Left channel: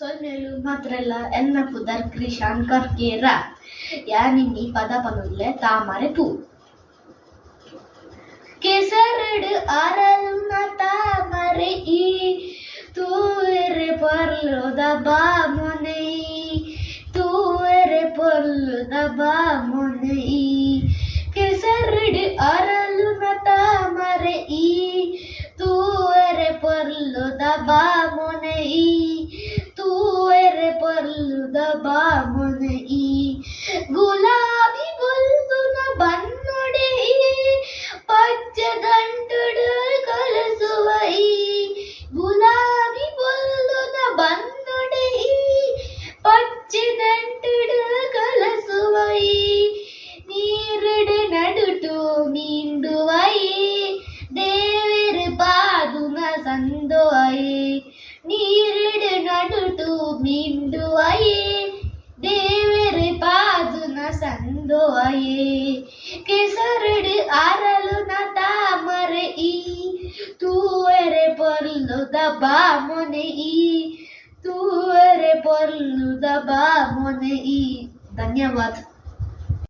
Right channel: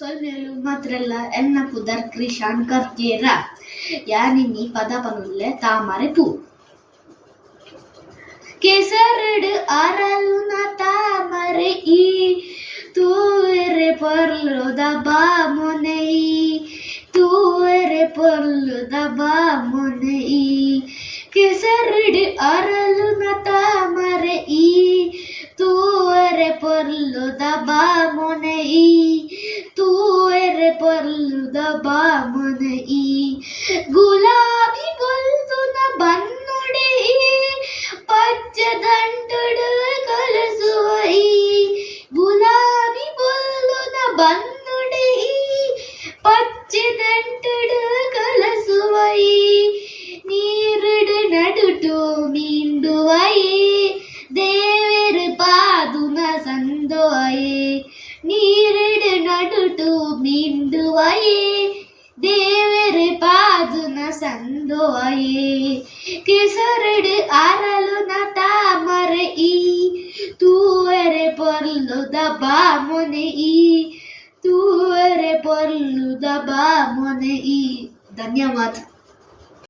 ಸೊನ್ನೆಲು ಮಾತ್ರಲ್ಲ ಎನ್ನ ಪುದರ್ ಕ್ರಿ ಶಾಂಕರ್ ಕೇರ ಯ ಪದ ಪಗಲೇ ತಾಮರೆ ಪೂ ಕೇಸರುಡು ಆರಲು ನ ತಾಮರೆ ಈ ತೂರೆ ಪೊಲ ಮೊನಯಿ ತೂರೆ ಪೊಲ್ಲುದ ಮೊನಯೀ ಕೆಸರುಡು ಅರಲು ನ ತಾಮರೆ ಈ ತೂರೆ ಪೊರಲುದ ಬಾ ಮೊನಯೀ ಬಾಮನಿ ಗುಲಾಬಿ ಬುಲ್ದು ನ ಬನ್ನುಡಿ ಪಚ್ಚ ದಂಡುಡು ಕಲಸುವ ಗುಲಾಬಿ ಬುಲ್ದು ನ ಬನ್ನುಡಿ ಪಚ್ಚ ದಂಡುಡು ಕಲಸುವ ನೀರಡು ನಡುಟು ಮೀಂಡುವೈ ನೀರಡು ನಡುಟು ಬಿಂದು ದೇವರು ಪಾದು ನ ಸಂದು ವೈ ಕೆಸರಡು ಅರಳು ನ ತಾಮರ ಇ ತೂವರೆ ಪೊಲ್ಲು ದಬಾ ಮೊನೆ ಈ ತೂವರೆ ದಬಾ ಮೊನೆ ಇ ಧನ್ಯವಾದ